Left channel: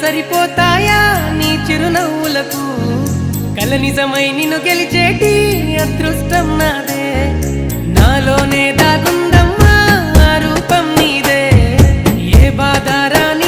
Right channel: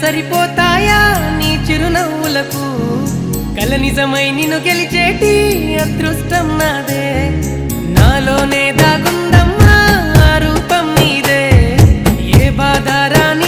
సరిపోతాయా నీ చిరునవ్వులకు కల నిజమై నిన్ను గెలిచేటి అదృష్టం నాదే నాలోనే దాగుందమ్మా ఆ రూపం నీదే ఏ బాధ రాని